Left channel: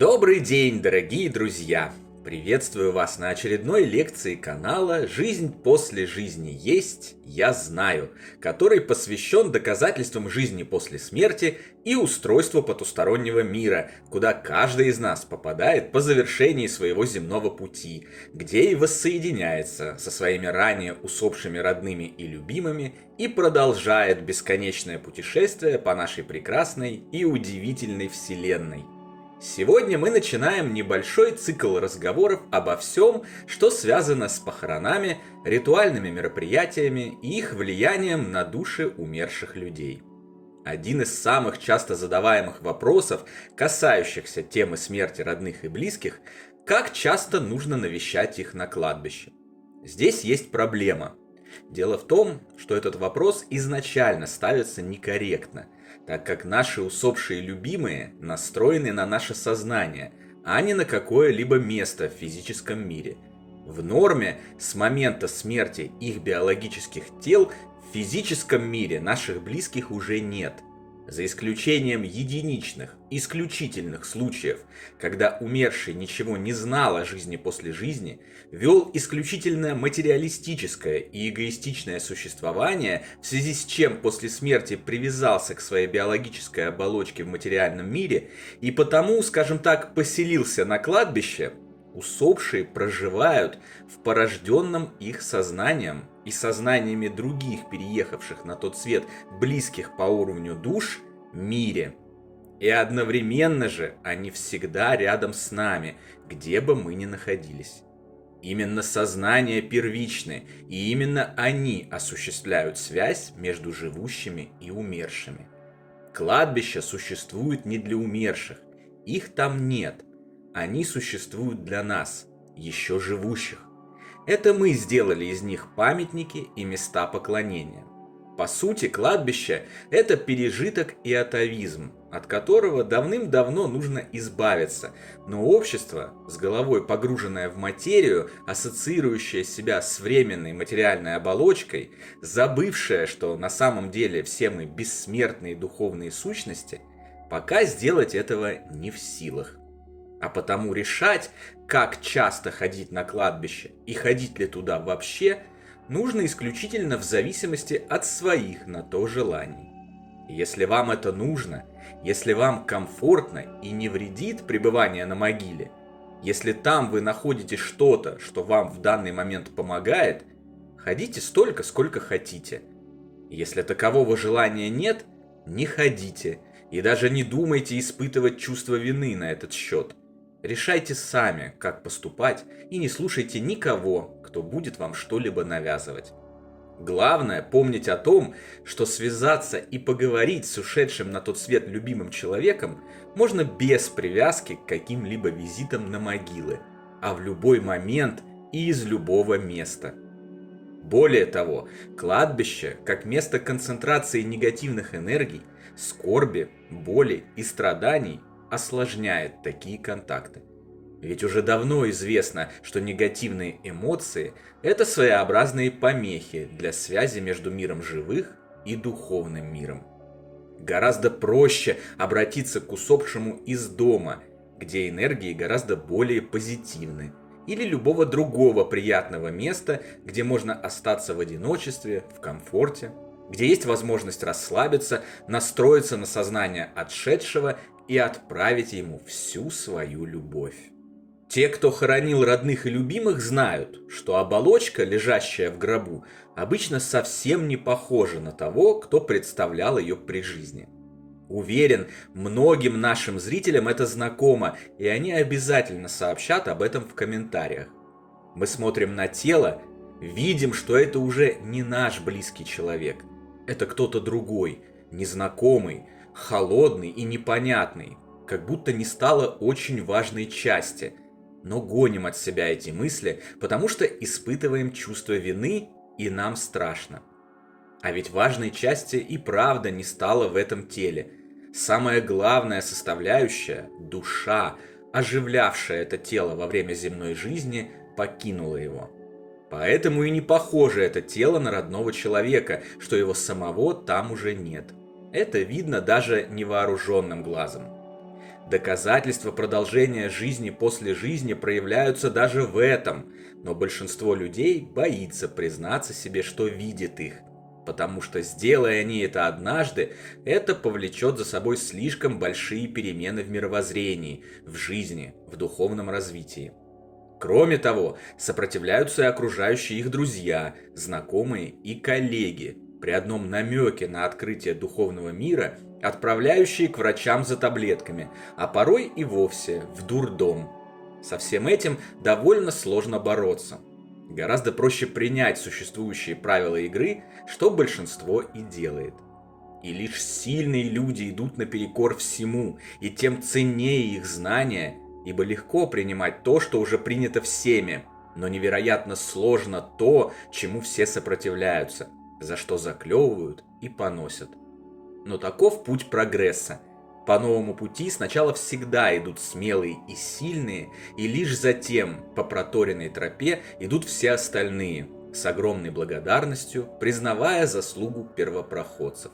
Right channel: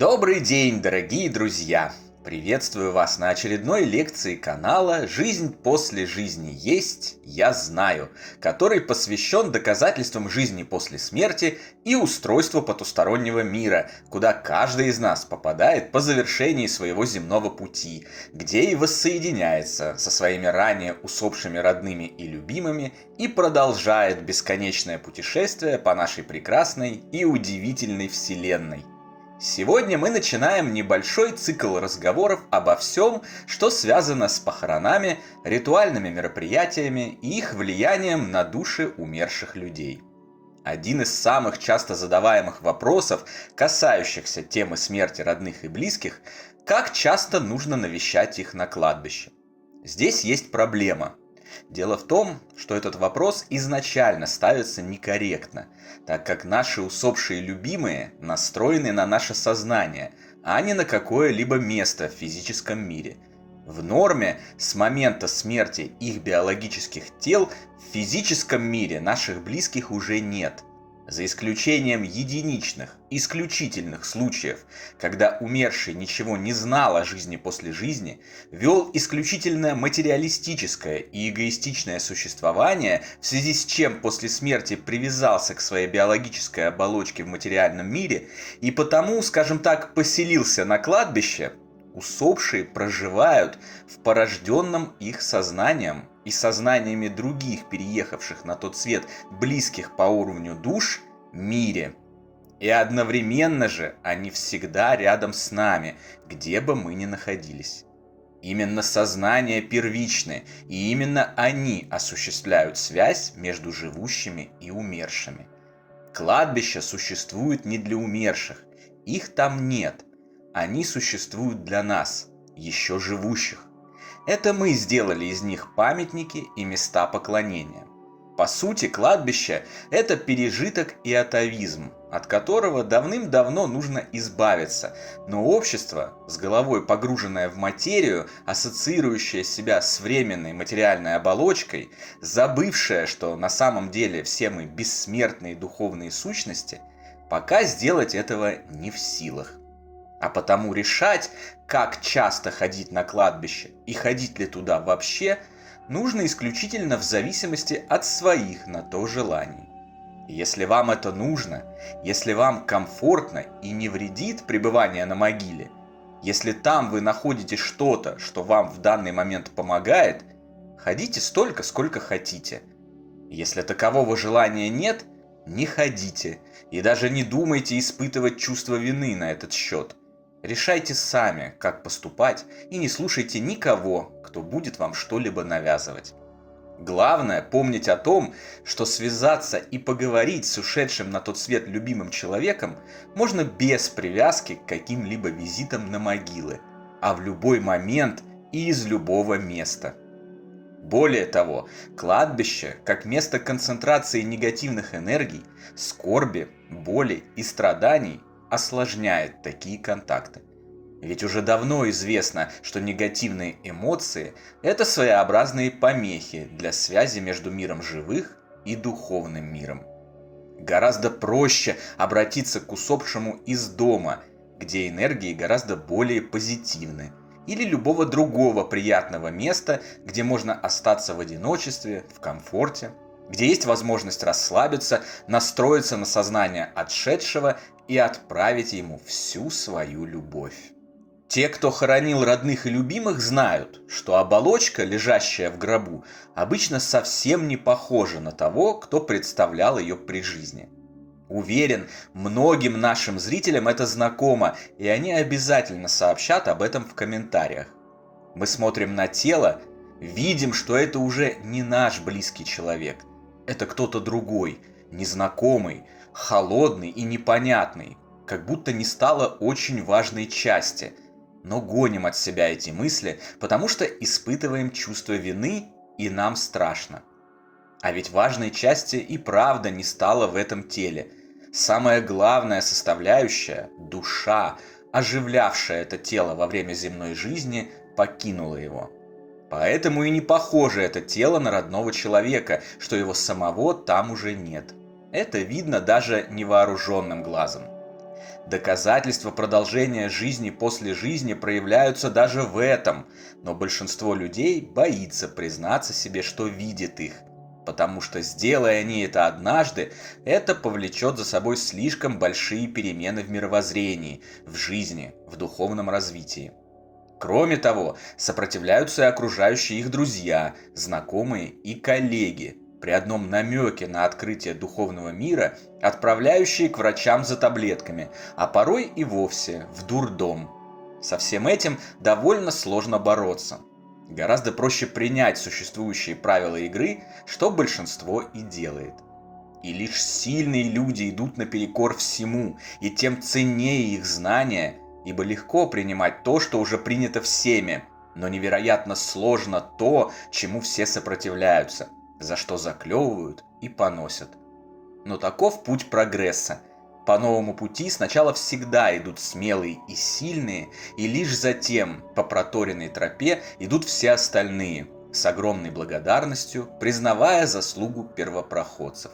Добрый день, дорогие друзья! Приветствую вас на очередной лекции канала «Жизнь после жизни есть, я знаю», который посвящен доказательствам жизни после смерти и устройству потустороннего мира, куда каждый из нас попадает по завершении своего земного пути, где и воссоединяется со своими ранее усопшими родными и любимыми и продолжает бесконечное путешествие по нашей прекрасной и удивительной вселенной. Сегодня мы начинаем небольшой цикл разговоров обо всем, что связано с похоронами, ритуальными мероприятиями и их влиянием на души умерших людей. Один из самых часто задаваемых вопросов, касающихся темы смерти родных и близких, как часто нужно навещать их на кладбище. Здесь есть проблема. Дело в том, что этот вопрос изначально ставится некорректно, так как наши усопшие любимые настроены на наше сознание, а не на какое-либо место в физическом мире. В норме с момента смерти их биологических тел в физическом мире наших близких уже нет. За исключением единичных, исключительных случаев, когда умерший ничего не знал о жизни после жизни, вел исключительно материалистическое и эгоистичное существование, в связи с чем после смерти привязался к своей биологической оболочке в материальном мире и потому, скажем так, поселился на кладбище, усопшие проживают в порожденном их сознанием и сознаниями других переехавших на тот свет близких по уровню душ мире. И одновременно же они всегда рядом с нами, где бы мы ни находились. Именно сознания первичны, и именно они осуществляют связь между живущими и умершими. Кладбище существует не для умерших, их там нет. Они существуют для нас, еще живущих. Это мы сделали из них памятники и места поклонения. По сути, кладбище – это пережиток и атовизм, от которого давным-давно нужно избавиться, но общество, с головой погруженное в материю, ассоциирующее себя с временной материальной оболочкой, забывшее, что на самом деле все мы бессмертные духовные сущности, пока сделать этого не в силах. А потому решать, как часто ходить на кладбище и ходить ли туда вообще, нужно исключительно в зависимости от своих на то желаний. Если вам это нужно, если вам комфортно и не вредит пребывание на могиле, если там вы находите что-то, что вам в данный момент помогает, ходите столько, сколько хотите. Если такового желания нет, не ходите и даже не думайте испытывать чувство вины на этот счет. Решайте сами, как поступать, и не слушайте никого, кто будет вам что-либо навязывать. Главное помнить о том, что связаться и поговорить с ушедшим на тот свет любимым человеком можно без привязки к каким-либо визитам на могилы, а в любой момент и из любого места. Более того, кладбище, как место концентрации негативных энергий, скорби, боли и страданий, осложняет такие контакты. Ведь уже давно известно, что негативные эмоции – это своеобразные помехи для связи между миром живых и духовным миром. Гораздо проще обратиться к усопшему из дома, где энергии гораздо более позитивны, или любого другого приятного места, где можно остаться в одиночестве, в комфорте, где есть возможность расслабиться, настроиться на сознание отшедшего и отправить ему всю свою любовь. Те, кто хоронил родных и любимых, знают, что оболочка, лежащая в гробу, обычно совсем не похожа на того, кто представлял ее при жизни. Уверен, многим нашим зрителям это знакомо, и они обязательно сообщат об этом в комментариях. Мы смотрим на тело, видим, что это уже не наш близкий человек. Это кто-то другой, незнакомый, холодный и непонятный, как будто не стало очень важной части. Но гоним от себя эти мысли, потому что испытываем чувство вины, и нам страшно. А ведь важной части и правда не стало в этом теле. Самая главная составляющая, душа, оживлявшая это тело во время земной жизни, покинула его. Поэтому и не похоже это тело на родного человека, что его самого там уже нет. Это видно даже невооруженным глазом. Доказательства продолжения жизни после жизни проявляются даже в этом, но большинство людей боится признаться себе, что видит их. Потому что, сделая они это однажды, это повлечет за собой слишком большие перемены в мировоззрении, в жизни, в духовном развитии. Кроме того, сопротивляются и окружающие их друзья, знакомые и коллеги, при одном намеке на открытие духовного мира, отправляющие к врачам за таблетками, а порой и вовсе в дурдом. Со всем этим довольно сложно бороться. Гораздо проще принять существующие правила игры, что большинство и делает. И лишь сильные люди идут наперекор всему, и тем ценнее их знания, ибо легко принимать то, что уже принято всеми, но невероятно сложно то, чему все сопротивляются, за что заклевывают и поносят. Но таков путь прогресса. По новому пути сначала всегда идут смелые и сильные, и лишь затем по проторенной тропе идут все остальные, с огромной благодарностью признавая заслугу первопроходцев.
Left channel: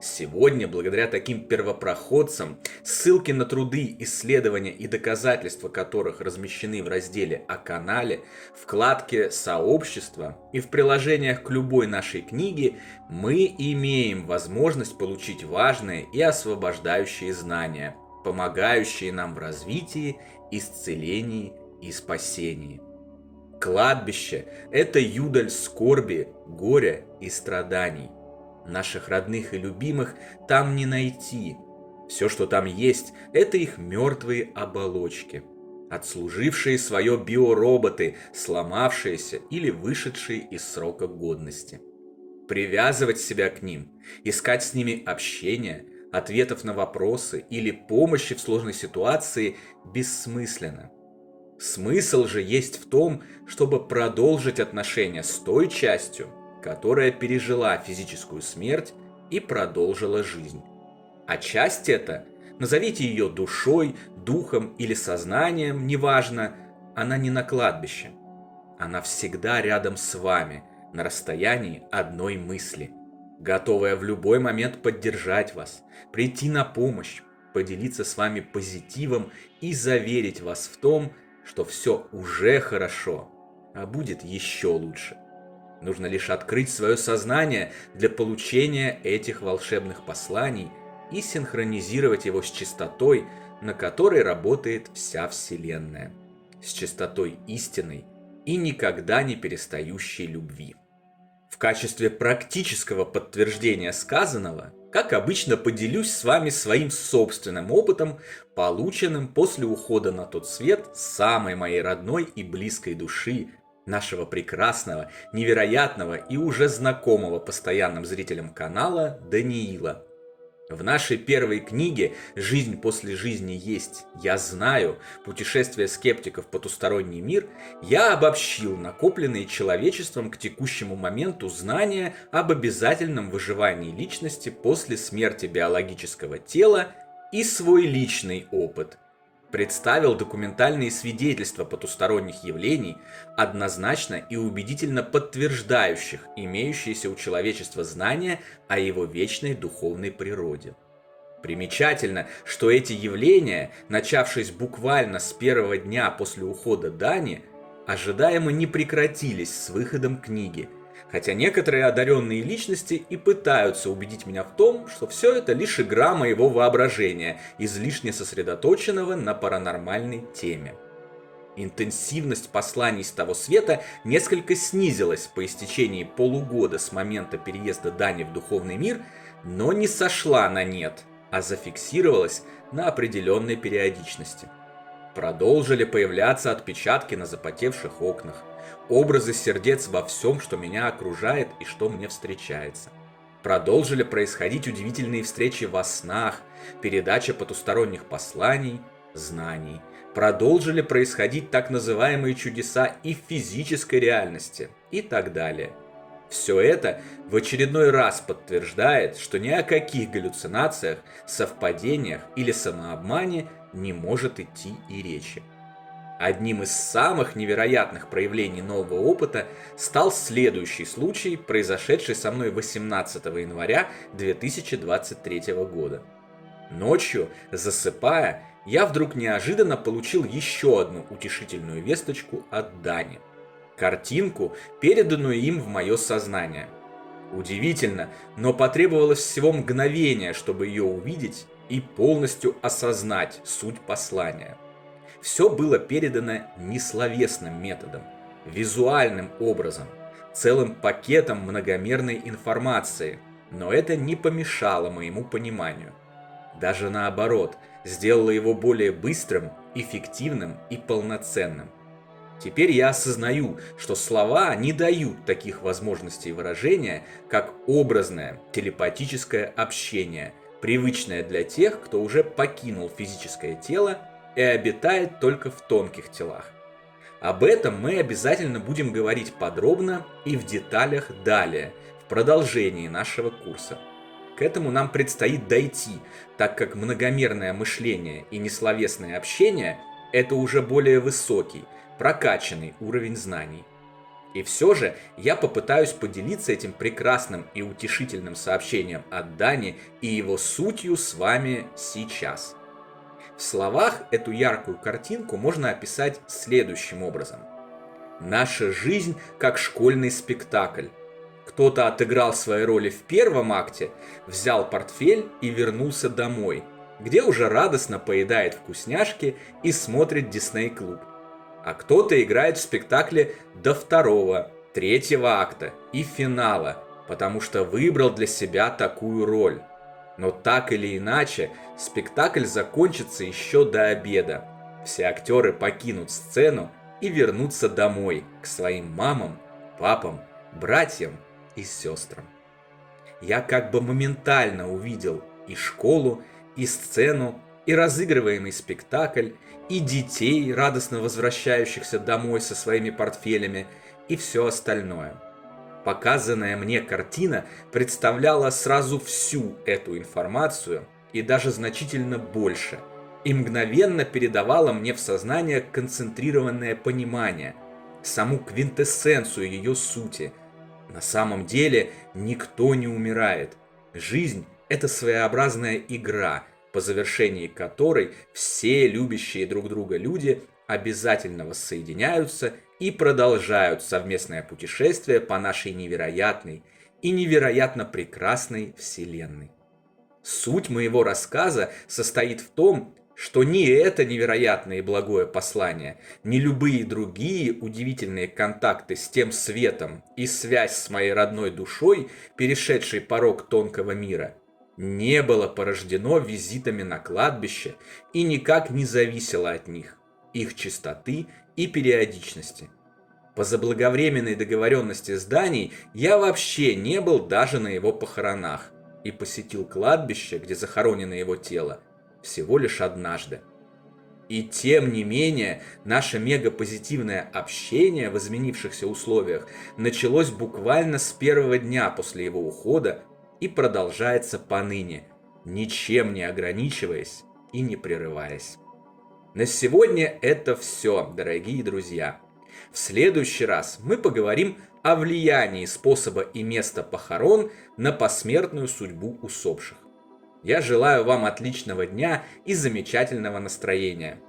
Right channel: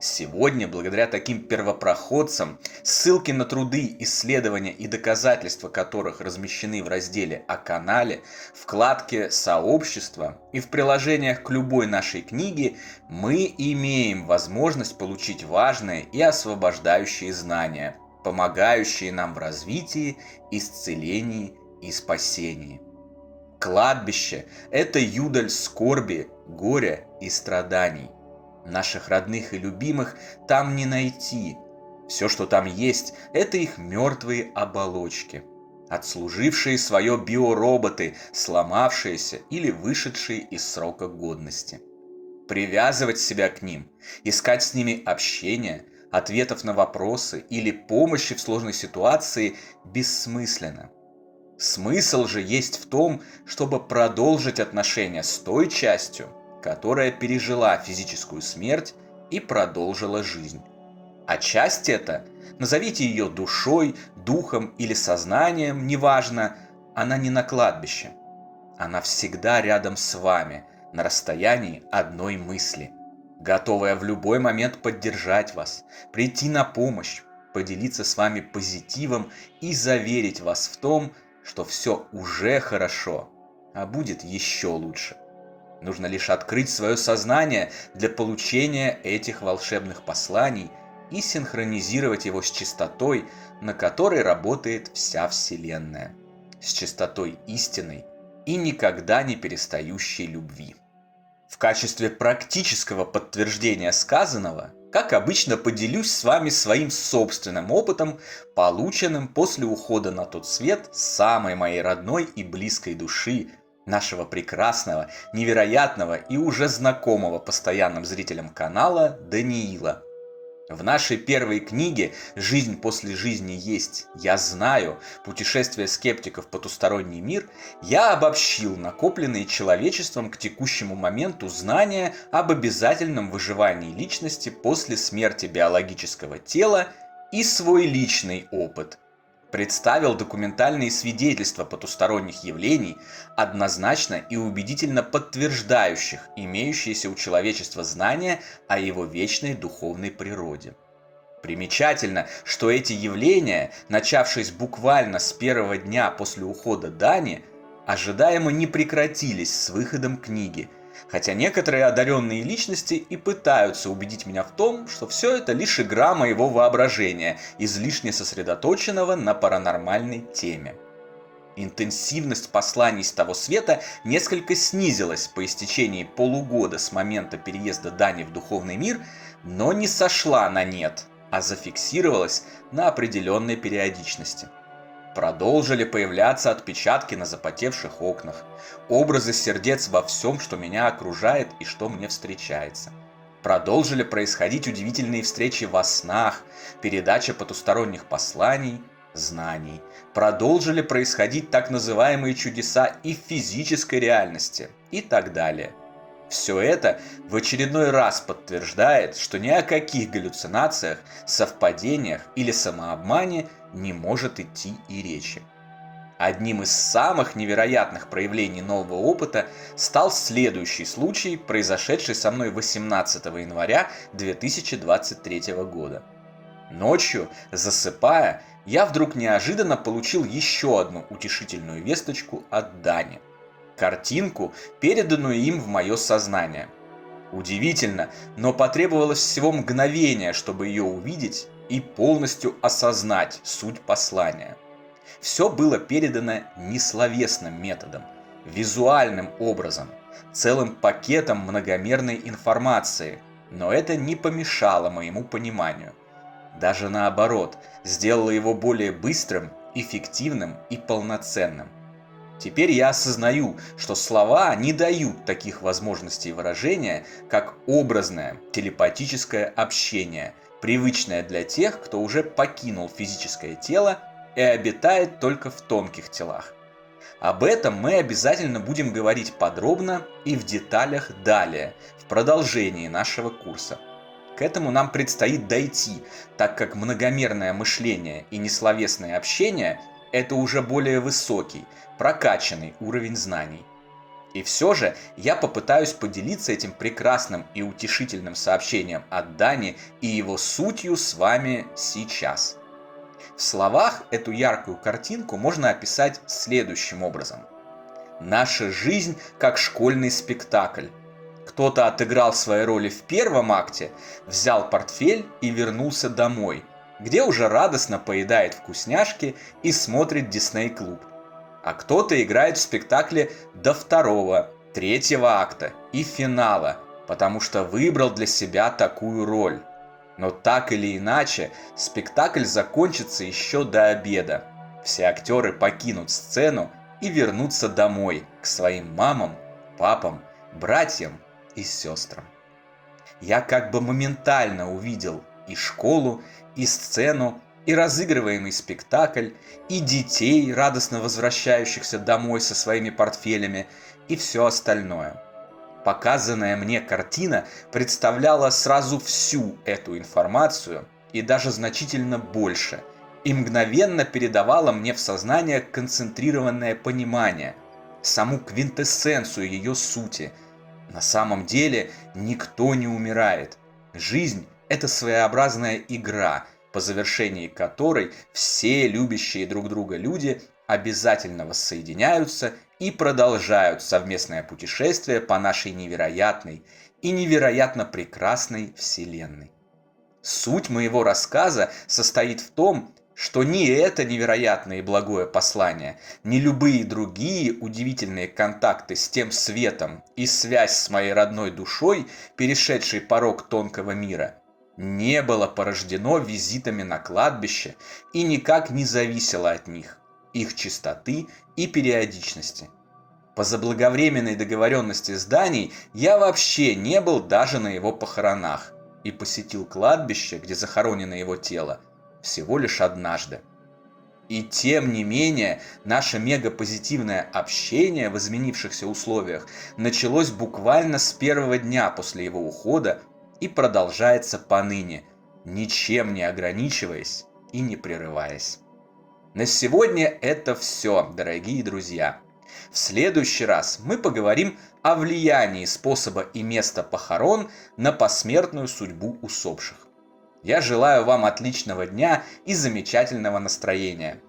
Сегодня, благодаря таким первопроходцам, ссылки на труды, исследования и доказательства которых размещены в разделе о канале, вкладке «Сообщество» и в приложениях к любой нашей книге, мы имеем возможность получить важные и освобождающие знания, помогающие нам в развитии, исцелении и спасении. Кладбище – это юдоль скорби, горя и страданий. Наших родных и любимых там не найти. Все, что там есть, это их мертвые оболочки, отслужившие свое биороботы, сломавшиеся или вышедшие из срока годности. Привязывать себя к ним, искать с ними общения, ответов на вопросы или помощи в сложной ситуации бессмысленно. Смысл же есть в том, чтобы продолжить отношения с той частью, которая пережила физическую смерть и продолжила жизнь. А часть эта, назовите ее душой, духом или сознанием, неважно, она не на кладбище. Она всегда рядом с вами, на расстоянии одной мысли, готовая в любой момент поддержать вас, прийти на помощь, поделиться с вами позитивом и заверить вас в том, что все уже хорошо, а будет еще лучше. Нужно лишь открыть свое сознание для получения этих волшебных посланий и синхронизировать его с частотой, на которой работает вся Вселенная, с частотой истинной и никогда не перестающей любви. В качестве практического подтверждения сказанного, как обычно, поделюсь с вами своим собственным опытом, полученным после ухода на тот свет самой моей родной и близкой души, нашего прекрасного, невероятного и уже знакомого постоянным зрителям канала Даниила. В нашей первой книге «Жизнь после жизни есть, я знаю. Путешествие скептиков в потусторонний мир» я обобщил накопленные человечеством к текущему моменту знания об обязательном выживании личности после смерти биологического тела и свой личный опыт. Представил документальные свидетельства потусторонних явлений, однозначно и убедительно подтверждающих имеющиеся у человечества знания о его вечной духовной природе. Примечательно, что эти явления, начавшись буквально с первого дня после ухода Дани, ожидаемо не прекратились с выходом книги, хотя некоторые одаренные личности и пытаются убедить меня в том, что все это лишь игра моего воображения, излишне сосредоточенного на паранормальной теме. Интенсивность посланий с того света несколько снизилась по истечении полугода с момента переезда Дани в духовный мир, но не сошла на нет, а зафиксировалась на определенной периодичности. Продолжили появляться отпечатки на запотевших окнах, образы сердец во всем, что меня окружает и что мне встречается. Продолжили происходить удивительные встречи во снах, передача потусторонних посланий, знаний. Продолжили происходить так называемые чудеса и в физической реальности и так далее. Все это в очередной раз подтверждает, что ни о каких галлюцинациях, совпадениях или самообмане не может идти и речи. Одним из самых невероятных проявлений нового опыта стал следующий случай, произошедший со мной 18 января 2023 года. Ночью, засыпая, я вдруг неожиданно получил еще одну утешительную весточку от Дани. Картинку, переданную им в мое сознание. Удивительно, но потребовалось всего мгновения, чтобы ее увидеть и полностью осознать суть послания. Все было передано не словесным методом, визуальным образом, целым пакетом многомерной информации, но это не помешало моему пониманию. Даже наоборот, сделало его более быстрым, эффективным и полноценным. Теперь я осознаю, что слова не дают таких возможностей выражения, как образное телепатическое общение, привычное для тех, кто уже покинул физическое тело и обитает только в тонких телах. Об этом мы обязательно будем говорить подробно и в деталях далее, в продолжении нашего курса. К этому нам предстоит дойти, так как многомерное мышление и несловесное общение – это уже более высокий, прокачанный уровень знаний. И все же я попытаюсь поделиться этим прекрасным и утешительным сообщением от Дани и его сутью с вами сейчас. В словах эту яркую картинку можно описать следующим образом. Наша жизнь как школьный спектакль. Кто-то отыграл свои роли в первом акте, взял портфель и вернулся домой, где уже радостно поедает вкусняшки и смотрит Дисней-клуб. А кто-то играет в спектакле до второго, третьего акта и финала, потому что выбрал для себя такую роль. Но так или иначе, спектакль закончится еще до обеда. Все актеры покинут сцену и вернутся домой, к своим мамам, папам, братьям и сестрам. Я как бы моментально увидел и школу, и сцену, и разыгрываемый спектакль, и детей, радостно возвращающихся домой со своими портфелями, и все остальное. Показанная мне картина представляла сразу всю эту информацию, и даже значительно больше, и мгновенно передавала мне в сознание концентрированное понимание, саму квинтэссенцию ее сути. На самом деле никто не умирает. Жизнь – это своеобразная игра, по завершении которой все любящие друг друга люди обязательно воссоединяются и продолжают совместное путешествие по нашей невероятной и невероятно прекрасной Вселенной. Суть моего рассказа состоит в том, что ни это невероятное и благое послание, ни любые другие удивительные контакты с тем светом и связь с моей родной душой, перешедшей порог тонкого мира, не было порождено визитами на кладбище и никак не зависело от них, их чистоты и периодичности. По заблаговременной договоренности с Даней я вообще не был даже на его похоронах и посетил кладбище, где захоронено его тело, всего лишь однажды. И тем не менее, наше мегапозитивное общение в изменившихся условиях началось буквально с первого дня после его ухода и продолжается поныне, ничем не ограничиваясь и не прерываясь. На сегодня это все, дорогие друзья. В следующий раз мы поговорим о влиянии способа и места похорон на посмертную судьбу усопших. Я желаю вам отличного дня и замечательного настроения.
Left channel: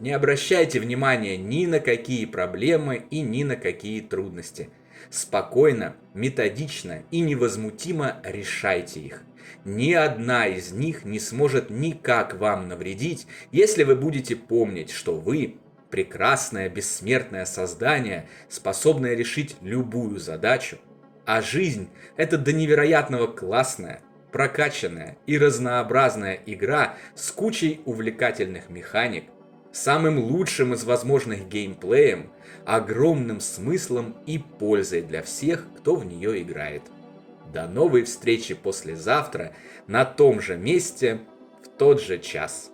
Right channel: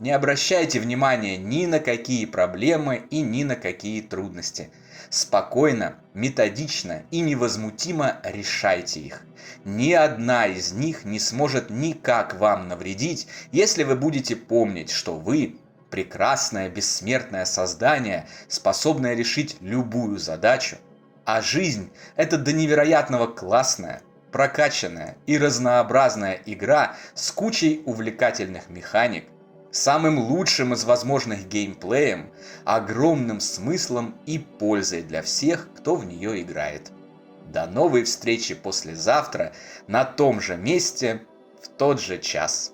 Не обращайте внимания ни на какие проблемы и ни на какие трудности. Спокойно, методично и невозмутимо решайте их. Ни одна из них не сможет никак вам навредить, если вы будете помнить, что вы – прекрасное бессмертное создание, способное решить любую задачу, а жизнь – это до невероятного классная, прокачанная и разнообразная игра с кучей увлекательных механик, самым лучшим из возможных геймплеем, огромным смыслом и пользой для всех, кто в нее играет. До новой встречи послезавтра на том же месте в тот же час.